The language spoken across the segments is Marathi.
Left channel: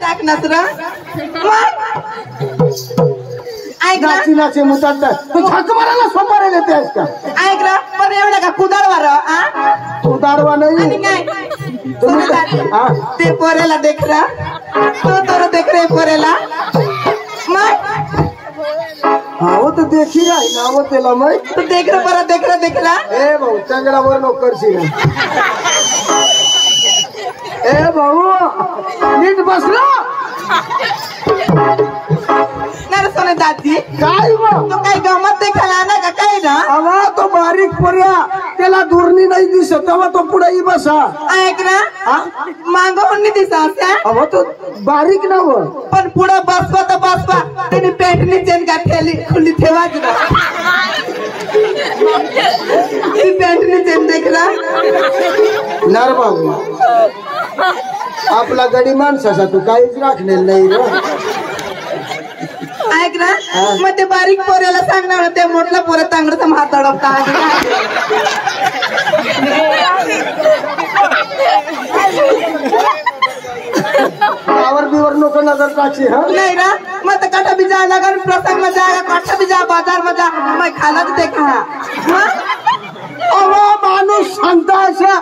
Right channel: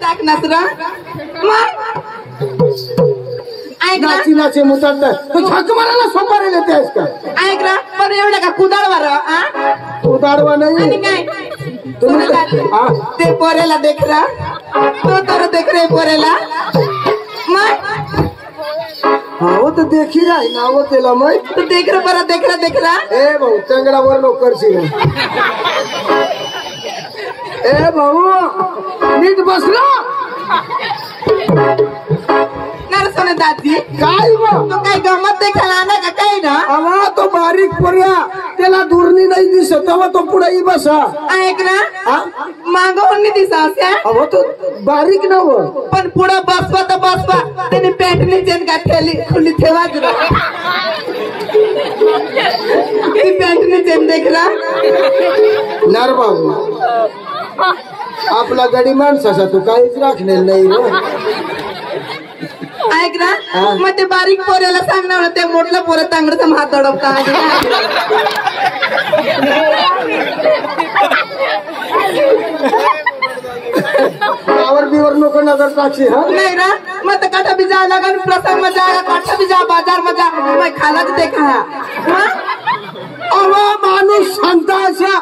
टाक नसरा ऐक ना नाची मुताड तू झक मारायला सोपारे देते आहेस का? ऐक ना पण एवढं का कुदाडवर कुदाडवा नाही आणि काय ते पोरेला देख रा तो तर देख रे पोरेला मग हो तो देखी राही ना वो त्याला मग तू देख रा देख रा ए भाऊ चंगडावर नोकर सी ए भाऊ नीट बसलो नरसोने दादी काय तो काय गमत देखायला ना का काय ना अवा तो बारीक पोऱ्या त्याला दूरनी नाही दिसत तेव्हा तो पुढे बसा ऐक ना मागं नाही दिसा अहो तो बारीक नव पण पुढे बसवा तर बसवा त्याने पॅन्टनी चेन घातली खुली ठेवाच ना ती पॅन्टनी चेन देखला नर बाबू आपला गडी माणसाचा तू काहीच राखलेलं नाही रे ऐक ना मग ते बारीक पोऱ्याला सांगणार होते मोठल्या पोऱ्या चांगलं हात अडवता गावर बिवर लोक नगर टाकशी हा नाही ना मग तर काठा बिजा लगन प्रसंग में जाए काठा बिजा बाजार में जा मैं खाला तो देखा अवा माणूस सांगता अशा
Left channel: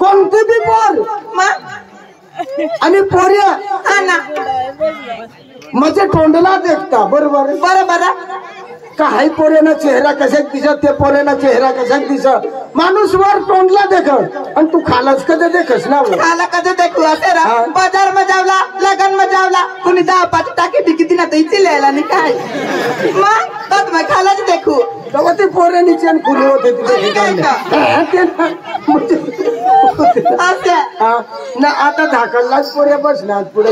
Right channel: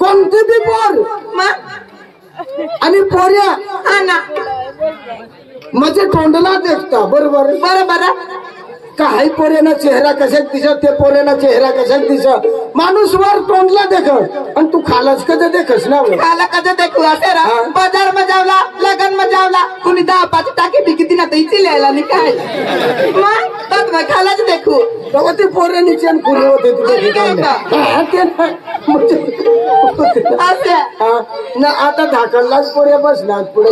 कोणती बी पोर आणि पोऱ्या हा ना म्हणजे तोंडला देखता बरोबर बरोबर काही पोरेना चेहरा कशाक दिसत ते पोरेना चेहरा कशाक दिसत माणूस वर तोंडला देख आणि तू खालाच कधी देखस ना खाला कधी देखू असे रा बाजार में जावला लगन में जावला कुणी 10-5 टाकी बिकिती ना तैची लिहायला नाही काय मग बस मैं खालाच देखू तेव्हा ते पोरे नीचे आणि खुले होते असे ना आता धाकणलाच पोऱ्या बसणार पुढे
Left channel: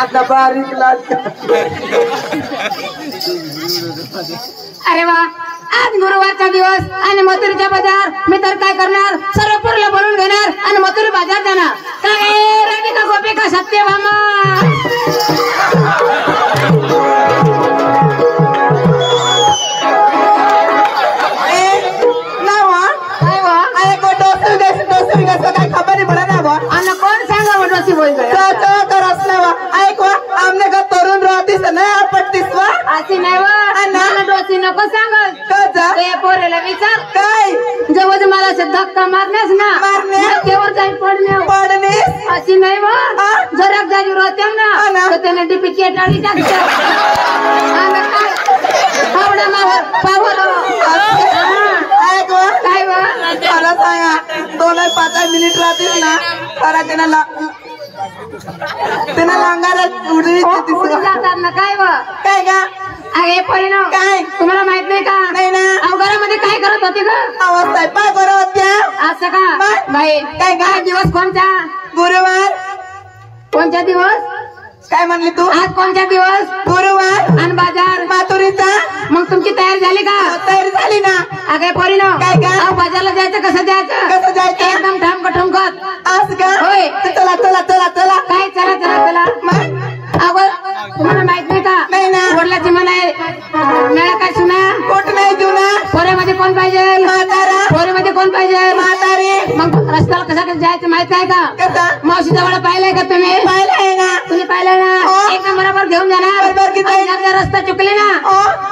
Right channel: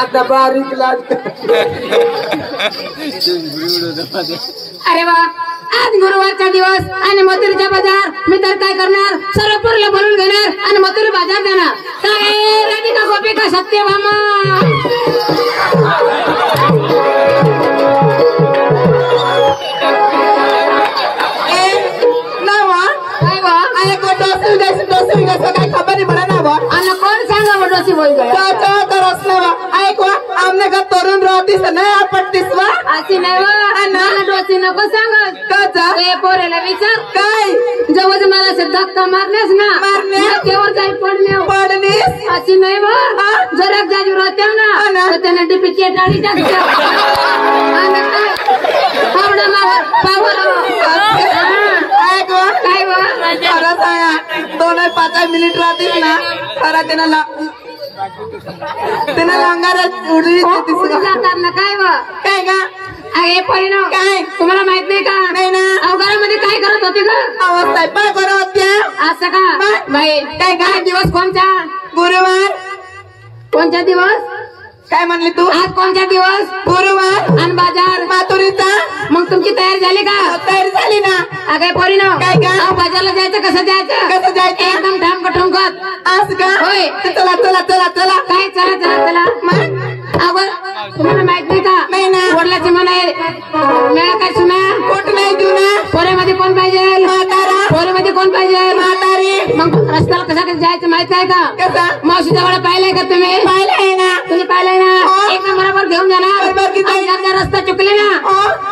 आता बारीक लाज अरे वा आज गुरुवारचा दिवस आणि मथुरीचा बाजार मी तर काय करणार सर्व पोरला बोलून घेणार आणि मथुरी बाजार जाणार काय राधिका गोपिका सत्यभामा काय खबर नाही पडा ना बा आणि कोण सांगा मोठी बोल गया करस ना ऐकवा आमने का तरुण राहतीस नाही आपटतीस वा अशी नाही वा डोसी नको सांगत का पोरेला विचार काय जवळ मला असे धक्का मारण्यास ना तेव्हा काही पडणे अशी नाही वा जरा जागी राहते ना तर त्याने डीपीची टाळी टाकतात काय वा 2-5 मिनिट राहतील ना तर त्याला लांगार उडवी जातात ना काय वा काय का अरे परिणाम काय तुम्हाला माहित नाही का नाही ना अवघरामध्ये काय करत होती ग अवस्था पा करत होत्या असं का बाई काय काय दिवस कोणता गुरुवार कोणता दिवस काय म्हणली तू आज कोणता दिवस गुरुवार आणि बाजार माथुरीचा मग तुमची तयारी झाली का तयारी झाली ना अगे परिणाम काय का बाजारला जायचं कसं जायचं एकदम ठाम ठमकत आज का होय चला चला चला चला काय चला चला चला मग तुम्हाला माहित नाही का नाही ना वडिलाची म्हण आहे मेळा काय सुना कोट नाही जुना पोरेमध्ये कोण पाहिजे म्हातारा पोरेमध्ये कोण पाहिजे म्हातारी मग रस्त्याला कसं जायचं माहित आहे का कसं मावशी जवळ पाहिलंय का तुम्ही पाहिलंय ना तुम्ही पाहिलंय ना एक बरोबर घेऊन जाणार रस्ता चुकले ना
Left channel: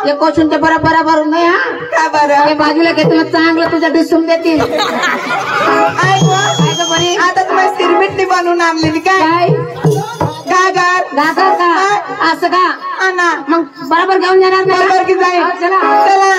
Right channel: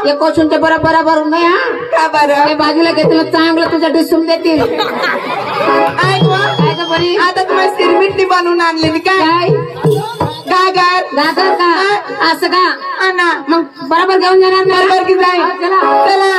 एक क्वेश्चनच्या बरोबर नाही हा का बरं त्या बाजूला घेतलं चांगलं तुझं डिसून देतील आता तुम्हाला सिरमिटली बनवून आणलेली काय गागर का असं का ना मग बरोबर घेऊन जाणार बरोबर की जाईल चला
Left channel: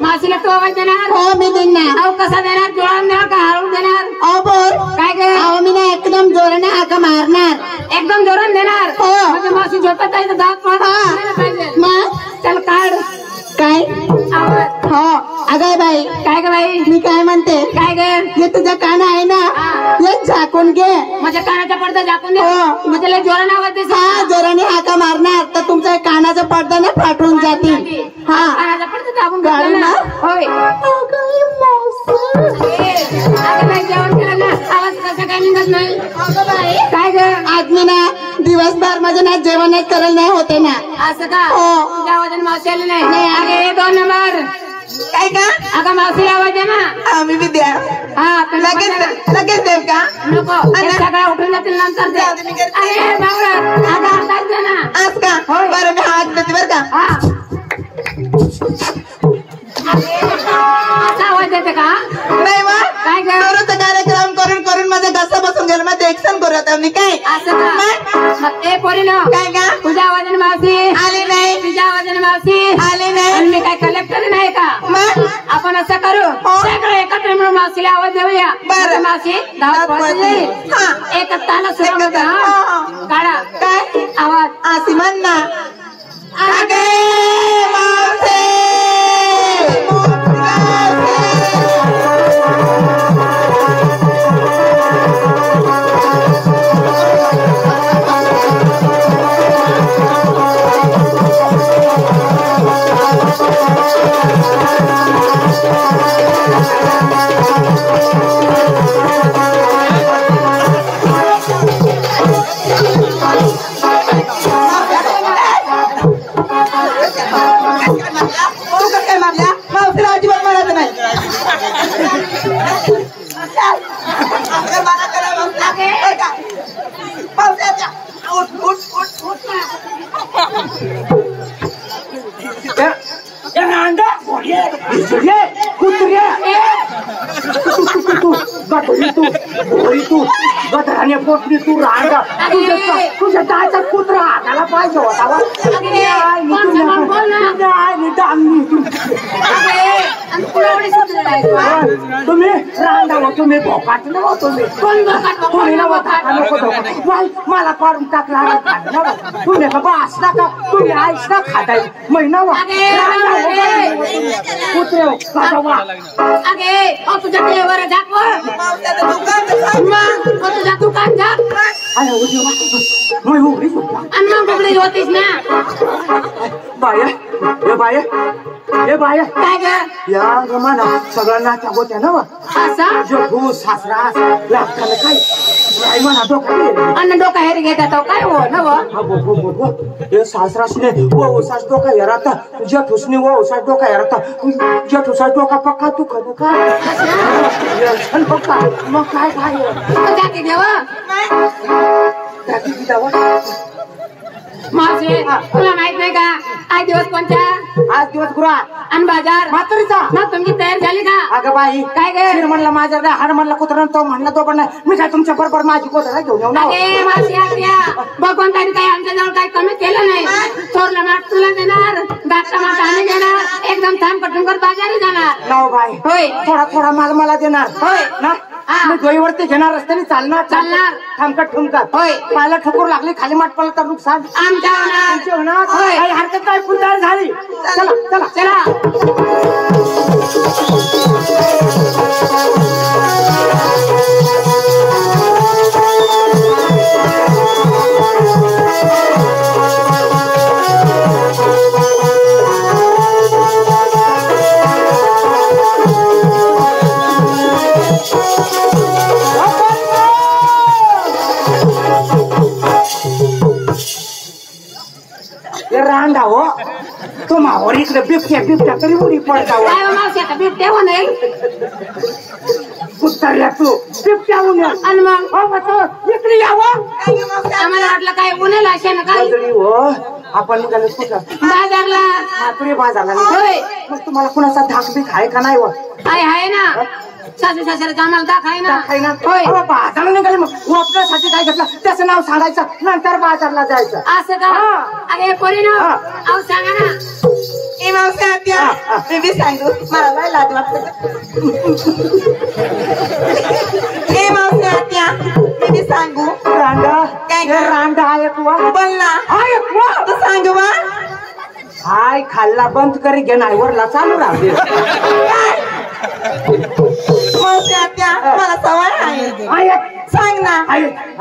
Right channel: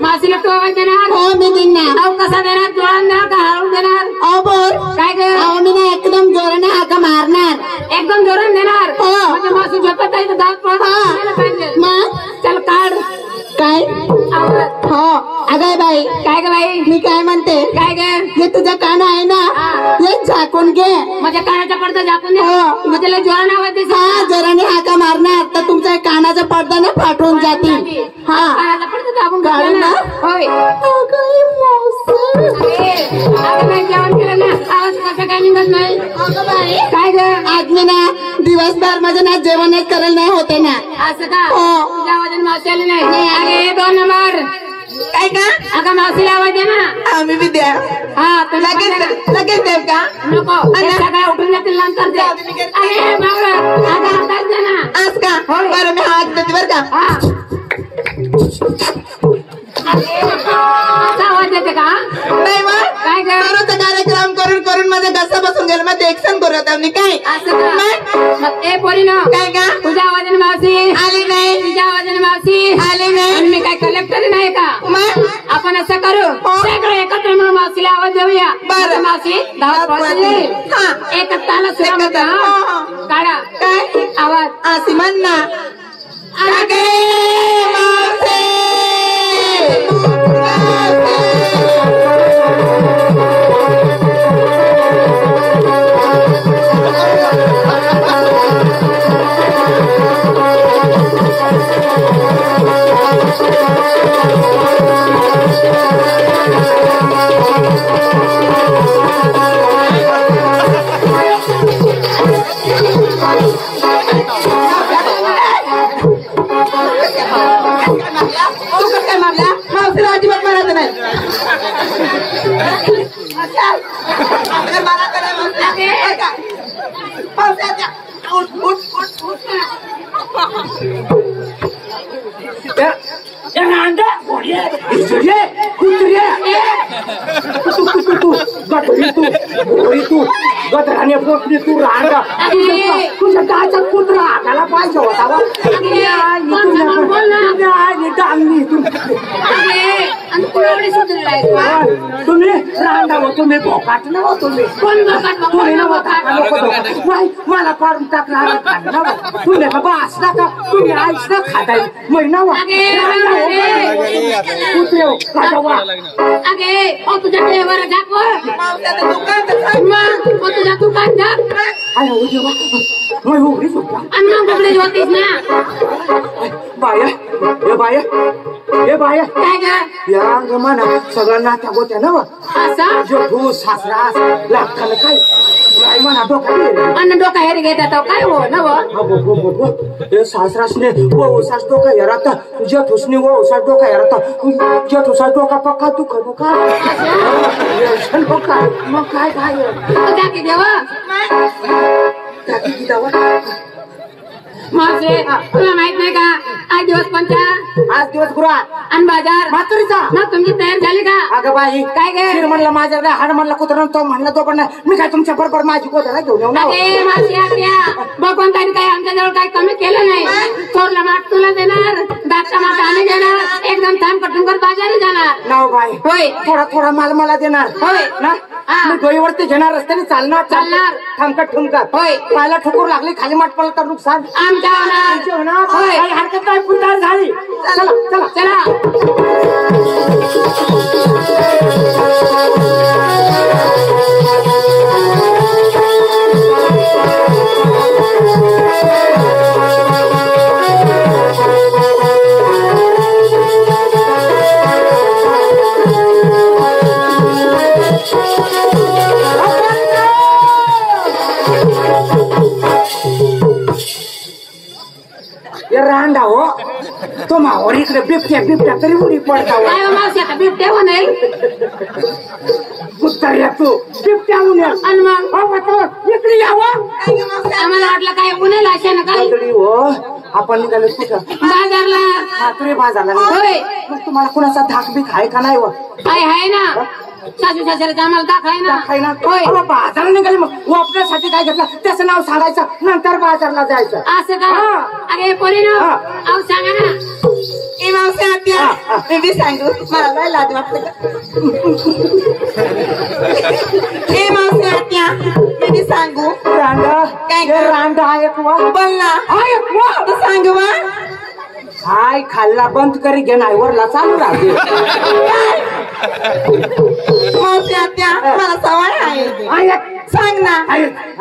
मासीला तो देणार हो मी देणार अहो कसा देणार जोरान देणार का हळून देणार अहो बोल काय ग अहो मी ना एकदम जोराने हाका मारणार एकदम जोरान देणार हो म्हणजे मासी झोपत आहे तर दात पाहिजे मग चल काढ काय आवाज हो अगं बाई काय ग बाई मी काय म्हणते काय ग हे तुझं कान आहे ना झाकून घे. माझ्या कानाचा पडदा झाकून दे. हो. मग त्याला जोराने आवाज दे. हा जोराने हाका मारणार तर तुमचा एक कानाचा पडदा ना फाटून जातील. हा कानाचा पडदा दाबून काढू घाल ना. ना. होय. अगं बाई, जेवण केलं ना, आवाज कसा काय निघत नाही? काय ग? आज मी ना दिवसभर माझं ना जेवणच करायला नाही होते ना. असं का? हो. तुझ्या आवाजाने मावशी आली नाही. अगे 2 नंबर. काय का अगं मावशीला आवाज दे ना. आम्ही बी द्या. हा तुला लगेच देव का नको. ते सगळ्या उठून जातील नंतर दे. अरे बाबा, अगं आताच दे ना. आज का होय. बरं मी हात देते बरं का. हा. असा आवाज देते का? नाही मग काय ग? दररोजचा कार्यक्रम करून करून माझा घसा बसून गेला. मग एक्शन करू आता मी काय असं का? मग ए पोरीनो, काय का तुझ्या आवाजाने मावशी आले नाही. तुझ्या आवाजाने मावशी आले नाही. आणि मी काय कलेक्टर नाही का? मग आपण असं करू, सगळे एकत्र मिळून मावशीला आवाज देऊया. बरं. मावशी धाव हा. एकच ताला सुरू एकच ताल. काढा काय आवाज. अशी म्हण ना. अगे मावशी. तुझ्या दाचा कुत्रा हाताला पाहिजे होता. तुम्ही रांडाला तुम्ही भोकाट नव तुम्ही तुम्ही नव मला पाडून टाकणार तुम्ही बास ना का तुम्ही आईस ना खाताय महिना तुझ्या टेवर तुझ्या दुकान जा आणि मग कपडे होतीस ना. बाया हे बाया हे बाया काय ग? या गमाना सगळं नात्या गोत्या ना असं जो सासरा लागताना काय काय म्हणा डोका अन्न डोका हेरी घेतात काय हो ना. हे सासरासने वो सास डोका हेराता जेठूसने वो सास डोका हेराता जेठूसा डोका पक्का तू खबो का मग काय काय टाकी देवा टाकी दावा मावशी तुला माहित नाही का आज दिवस कोणता? आज दिवस गुरुवार आणि बाजार म्हातारीचा. मग तुमची तयार झाली का? अगं बाई काय गे? शिर म्हणला माझ्या हाड म्हणला कुत्रा तो म्हणला तो पण नाही. मी काय तुमच्या बरोबर माझी कोतरा घेऊन येऊ ना. अगे मावशी आत्या बघून काही आमच्याजवळ काही कमी केलं नाही. थोरला माठ तुला देणार, दाटला माठ आम्ही देणार. एकदम थांब कटूनकर बाजारी जाणार. नाव बाई होय थोडा थोडा माल मला देणार. होय ना हा. मी डोईवरती घेणार रस्त्याने चालणार चालणार. थांबकट ठुमकत होय. पायाला ठोकर लागली खाली माठ पडलं तर नुकसान आमच्या होणार. होणार. होय. काही हरकत नाही पुंताळ झाली. चला चला चला रांडा हो तो मावर इकडे बिबट्या बिबट्या तरी उडी पडता काय हो मावशी आता बिबट्या म्हणेल उत्तर तू बिबट्या उन्या आणि मग इकडे यावा आम्हाला वाटलं काय उन्हेल असे ना काय तरी हो आपण निघालो कुठं बाजारला. हातरी बाजारला होय मग तुम्हाला कुणाचा धाक बीक आहे का नाही हो आहे ना सासू सासऱ्याचा आम्हाला दाखवाय ना. काही ना होय बाजारला निघाले मग वापरासाठी काय घेतलं त्याचं नाव सांगायचं नंतर बाजारला जायचं. असं का? हा. अगे पोरीनो हा. अहो सांगा ना. ए मावशी आत्या मी बी सांगू मला लय लाज वाटते. ए मावशी आत्या मी बी सांगू रांडा काय रांडा आहे बोल ना. तू सांगू बा हाय खाल्ला बंद करी घेणार वरला चालू राहते. मावशी आत्या मला सवय आहे. सांग ना.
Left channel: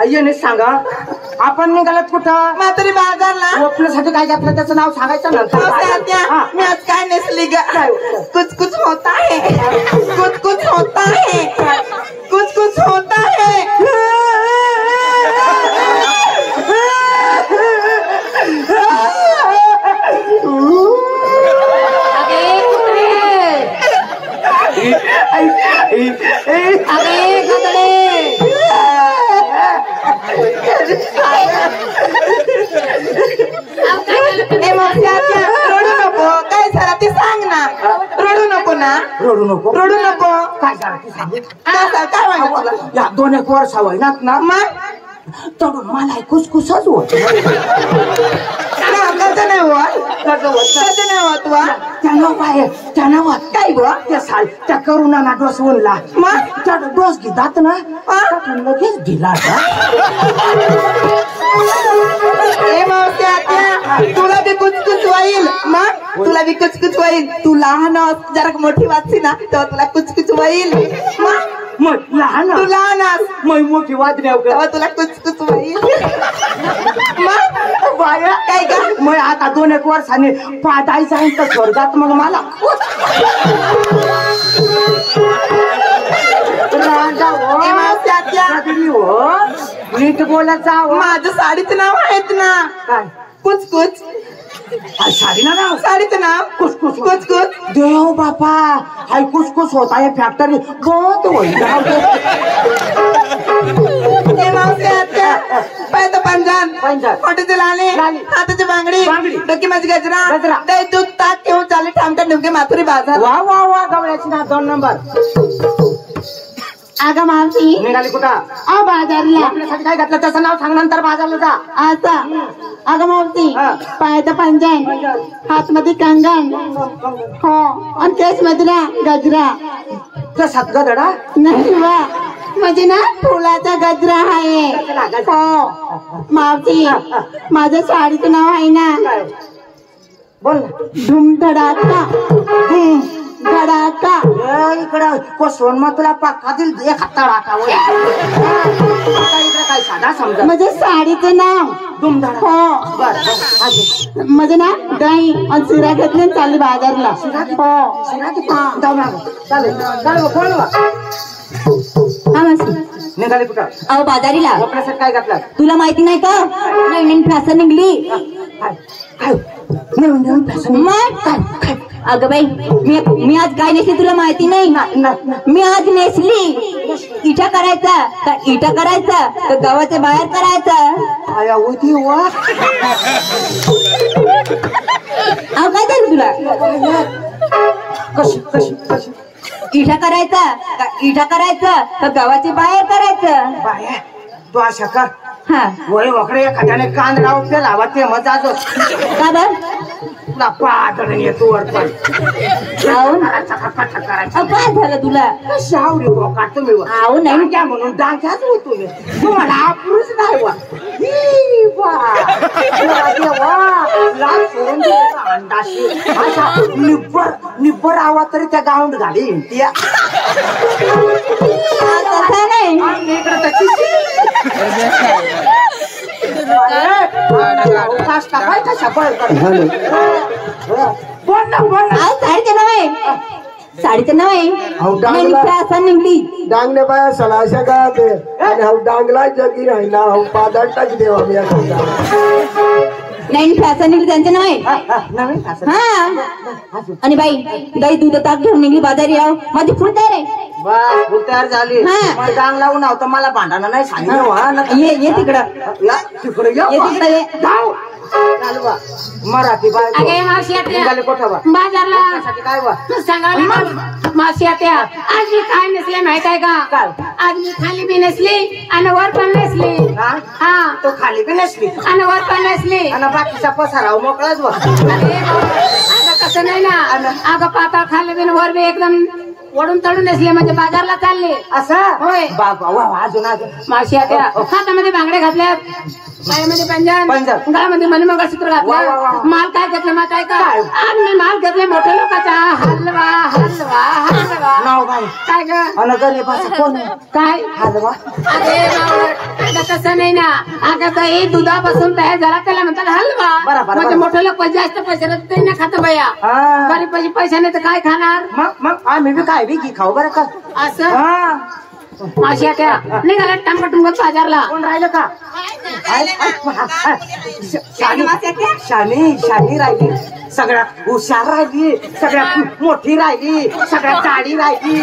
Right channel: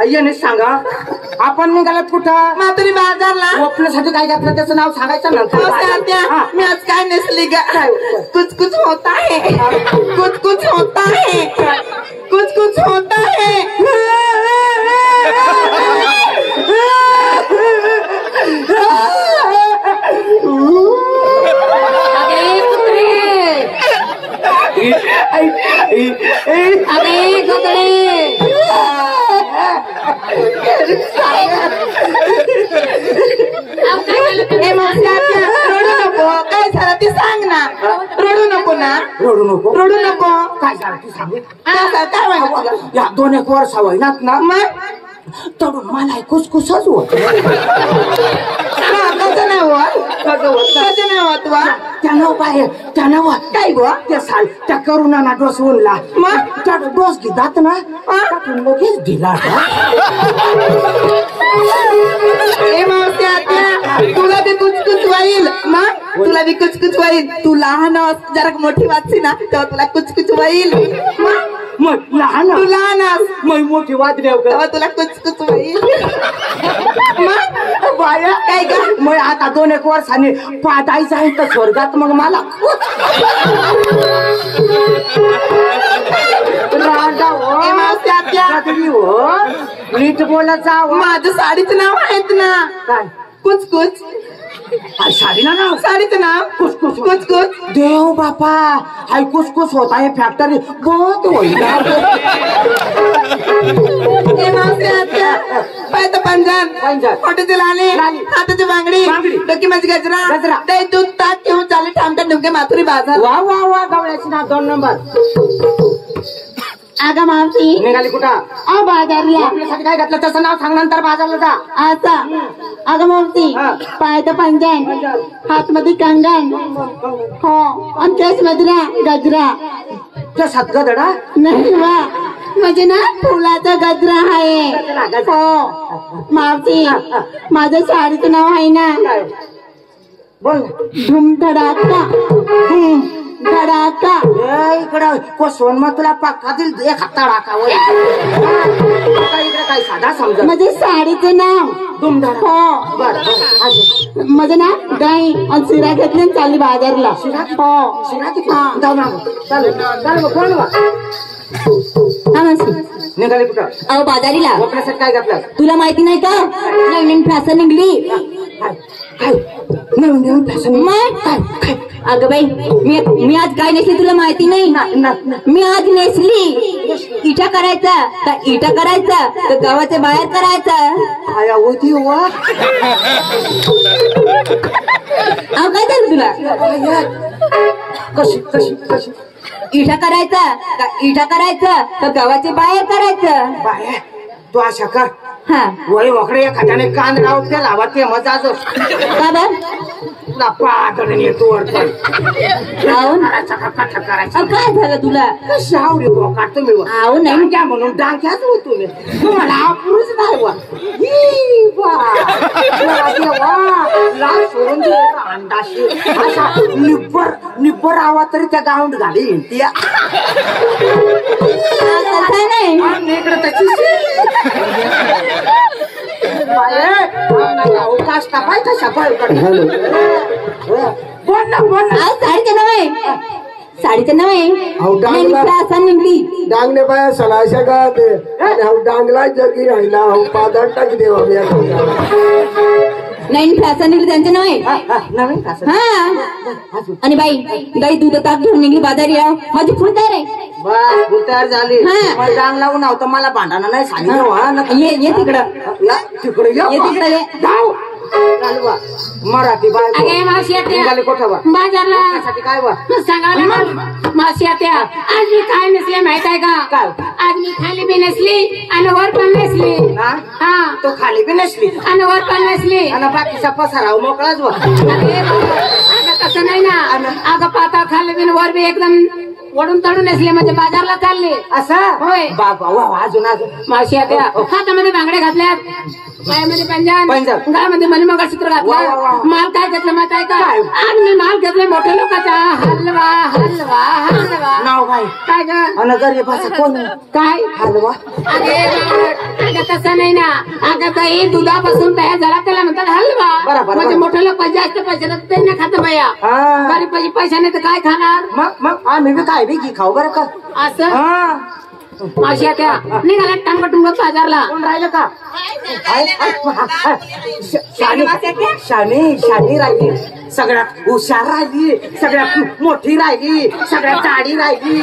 आईने सांगा आपण निघालात कुठं? म्हातारी बाजारला. आपल्यासाठी काय घेतलं त्याचं नाव सांगायचं नंतर. मी आज काय नेसली ग? कुछ कुछ होता है, कुछ कुछ होता है, कुछ कुछ होता है. रडू नको. काय झालं ते सांग ना. रडू नको ना. रडू नको. रडू नको. काय झालं ते सांग. काय वाटलं तुला? या 2-1 वर्ष होईनात ना मग तडून मला कुसकुसच होत. कसं नाही होत? कसं नाही होत वा? त्यानं बाहेर त्यानं काय बुवा? त्या करुणाना डोस उनला. मग त्या डोस घेतात ना लगेच दिला. तुला बी कुचकुच होईल. मग तुला बी कुचकुच होईल. तू लहान जरा मोठी वाचली ना तेव्हा तुला कुचकुच होईल. मग लहान तू लहान मग मोठी वाजली तेव्हा तुला कुचकुच होईल. मग बाया काय का? मग आता 2-1 वर्षांनी पाठाई जाईल तर स्वर्गात मग मला नीट बोलायचं. माझं साडीचं नाव आहेत ना. काय कुचकुच. साडीला नाव? साडीचं नाव कुचकुच. कुचकुच. देव बापा हाय कुचकुच होत आहे फॅक्टरी बंद होईल. पायचं पंजान पंजान. हॉटेल आले. हाताची बांगडी. डोकी माझी गजरा. दही दूध ताक घेऊन चालले ठामठा नेमके माथुरी बाजार. वा वा वा गवळ्याची ना 2 नंबर. अगं मावशी निघाली कुठं? बाजारला. आपल्यासाठी काय घातलं त्याचं नाव सांग नंतर बाजारला जा. आता अगं मावशी पायचं पंजन, हातमध्ये कंगन, हो आणि केस मध्ये गजरा. कशात गदडा? नाही वा म्हणजे ना फुलाचा गजरा आहे. हो मावशी माझ्या साडीचं नाव आहे ना बोल. धुमधडाका. धडाका. इकडं कोसवून मग तुला पाकातील एक हाता टाकावं. इकडे काय साधा समजा. म्हणजे साडीचं नाव धुमधडा. हो बर म्हणजे ना दही आणि शिरा घेतली चालली बाजारला. हो चालू कोण वा हा मावशी निघाली कुठं? अहो बाजारीला. आपल्यासाठी काय घातलं? तुला माहिती नाही का नवीन फॅशन निघली. काय नवीन फॅशन? मग काय? अगं बाई मी आज काय नेसली तुला माहिती नाही. मी आज नेसली इटा करायचा का इटा करायचा तर गावाच्या बाहेर करायचा. काय होती वा? अहो काय झालं तुला? कशी कशी कशी? इटा करायचा का इटा करायचा तर गावाच्या बाहेर करायचं. बाहेर तू अशा कर. हा वय वकडे एखाद्याने कांद लावून ते लावा ते मजा जो बाबा तुला पाठवून येतो वर पण करायचं काय झालं तुला? शावरी काढतो मी आहो नाही काय म्हणून डांक्याच होतो मी तुम्हाला पुरुष नाही वा अंडाशी निब्बर आवा तरी त्या गाऊंड घाली त्या नाही इकडे त्याची साडीचं नाव आहे निघली. डांगने बाया सलाशा गात आणि हा डांगला जगी राहिला हा पादार टाक देवा मी नाही फॅशन निघली त्यांचं नाव आहे. हा आणि बाई गाई दूध ताक घेऊन निघली बाजारी. याव माझी फुल तयार आहे. बस फुल तयार झाली. डांग लावून होतं मला भांडणं नाही सांगितलं. ये तिकडं तिकडे ये तिकडे मराठी बाय कोठा बाजारला काय वा सांगा मावशी आत्या आज मी काय नसले माहित आहे का? आज मी खाली बी नसली आणि वर पण नसली. हा तो खाली बी नसली आणि वर पण नसली आणि बाकीचा पसाराव मोकळाच वा. अगं तसं नाही ना. अगं पाता खाली बी वर बी एकदम वडून तडून नसले म्हणजे बाजारला चालले असं होय. बाबा अजून अजून मावशी आत्या हातामध्ये बांगडे घातल्यात पायामध्ये पंजन पंजन. गायमध्ये मणिमंगळसूत्र वा, वा, वा. घातलं माल काय घेतलं मात आहे का आणि मी माल घेतले मोठ्या लोकांचा हलवा हलवा हलवा नाव काय काय ग आणि गरीबाचं कोण काय हलवा अगं तसं नाही ना अगं दही दुधापासून तयार झाला त्याला म्हणतात हलवा बरोबर, म्हणजे बरोबर. मोठे लोक जास्त पैसे ते नाही खात बया हा. गरीब पैसे नाही तर काय खाणार मग आम्ही बी काय बी खाऊ बरं का असं हा अशा त्या निघाला टंगट बाजारला कोण राहिलं का शानी राहिली सगळ्यात हुशार राहिली सगळ्यात मोठी राहिली सगळ्यात जाडी राहिली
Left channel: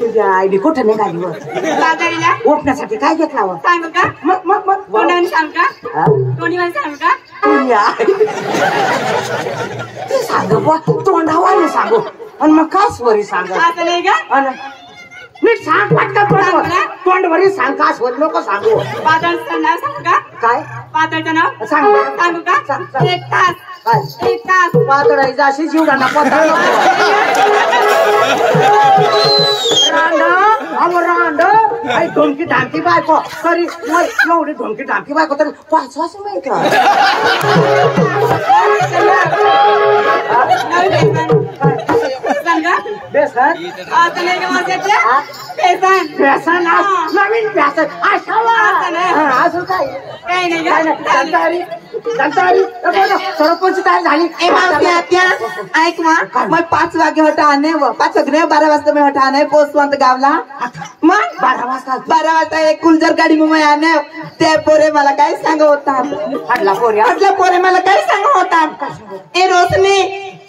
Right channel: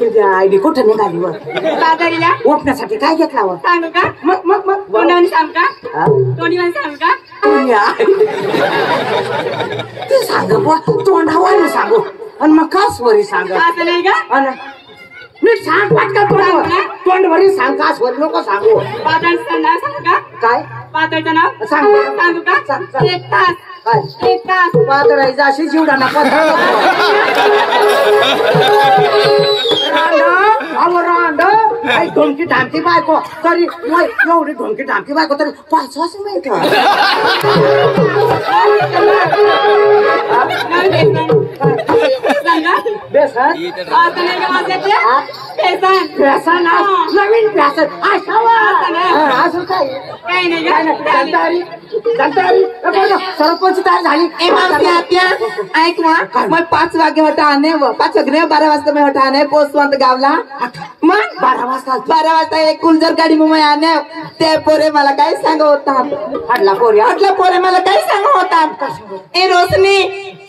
तुझ्या आईने कुठं निघाली वर बाजारीला उठण्यासाठी काय घेतला वर सांगू का मग तोंडाने सांग का हा? तोंडीवाने सांगू का तुझी आई. ते सांग बुवा तोंडावाने सांगू आणि मग काय स्वरी सांग असं नाही का नीट सांग पटकन तोंडवरी सांग का स्वरी नको सांगू पातळचं नाव सांगू का काय पातळचं नाव सांग सांगू का सांग, सांग. 1 तास काय 1 तास पातळायचं अशी जीवडाना ढोमकी ढामकी बायको तरी नाही एवढी ढोमकी ढामकी बायको तरी 5 वर्ष माहित सांगा बेसन आता नाही का माझ्यातलं पेसन बेसन नवीन बेसन असं काय काही नाही काय का नाही सरपंच काय झाली ए मावशी आत्या ऐक मग 5 वागे होता आणे 5 वागे 12 वाजता मी होता आणे पोचवंत गावला मग 12 वाजता 12 वाजता एक कुलजर गाडी मुंबई आणे ते पोरे मला काय सांगत होता फाडला पोऱ्या आपला पोरे मला काय सांगत होता ए रोशनी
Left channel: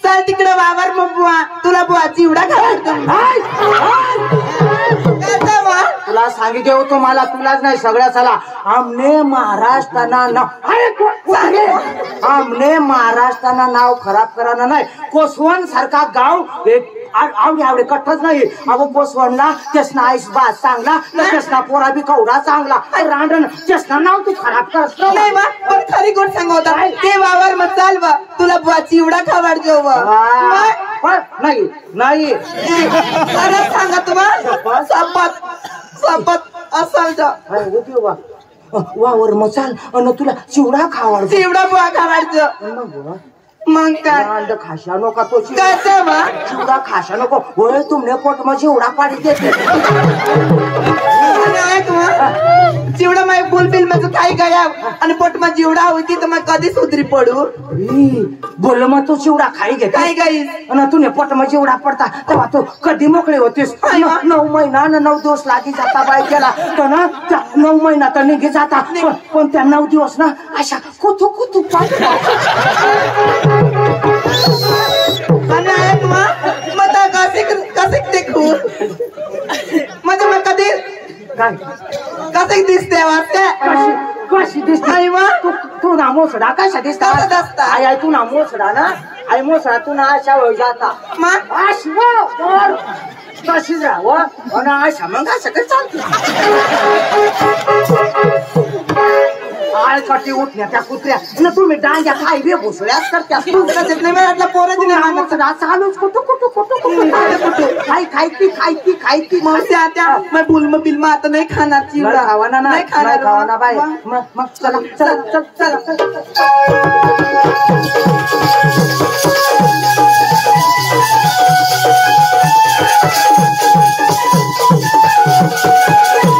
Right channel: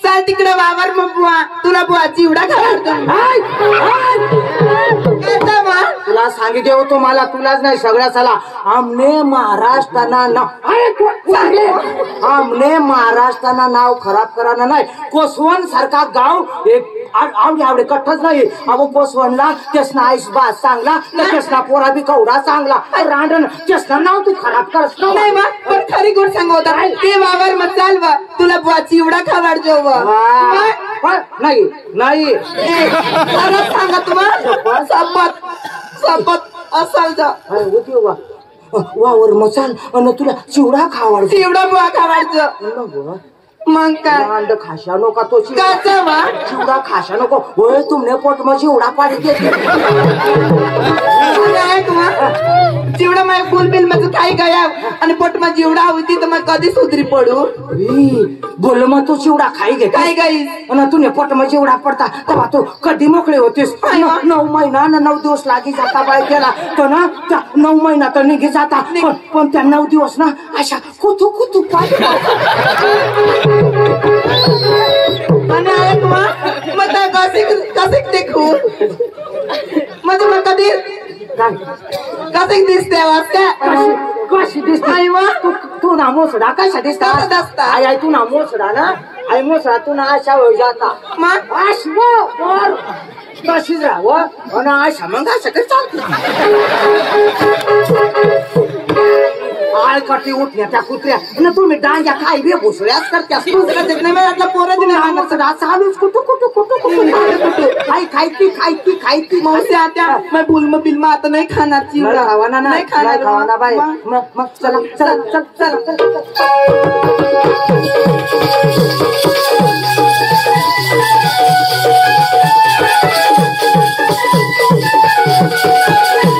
चल तिकडे वावर मग बुवा तुला बुवाची एवढा घालतो तुला सांगितलं होतो मला तुलाच नाही सगळ्या चला आमने महाराष्ट्रानं आमने महाराष्ट्रानं नाव खराब करायला नाही कोसवण सारखा गाव एक आवडे कठ्ठच नाही अगो कोसवणला त्यासना आईस बास चांगला तर त्यासना पोरा बी कवडा चांगला रांडण त्यासना नाव तू खराब करस नाही बा पण खरी गोड सांगत होता ते वावर मग चाल बा तुला बुवाची एवढा खावाडजो नाही नाही खरंच सांगा तुम्हाला सपत असाल तर वावर मग चाल अन तुला चिवडा खावाड चिवडा बुवा खावाडजो मग काय अंड खाशा नको तो चिवडा खाशा नको होय तुमने पोट मग चिवडा पाडी देते चिवडा माझ्या फुल बिल मध्ये काही गया आणि पोट मग जिवडा होती तर मग कधी सुधरी पडू बोल मग तू चिवडा खाई घे काय गाई आणि तुने पोट मग चिवडा पडता तेव्हा तू कधी मोकळे होतीस 9 महिना 9 दिवस लागी जाता बाय केला तर ना त्या 9 महिना तर निघे जाता पण त्या 9 दिवस ना अशा कुतू कुतू आणि ऐक मग कसे देखू म्हणजे मग कधी कसे दिसते वाटते कशी दिसते तू ना मोसडा कशा दिसता आई आई तू ना मोसडा ना आई मोसडा तू ना अशा वेळ जाता मग तशीच राहावं आणि अशा मग असं काही चालतं आळकटी उठल्या त्या कुत्र्या तुम्ही डांग्या खाई बे भुसळ्याच करत्यास पोराची चालूच कुठं खायती मावशी आता मग बुलम बिलम आता नाही खाणार चिवडा खावाना नाही खावाना बाय मग चला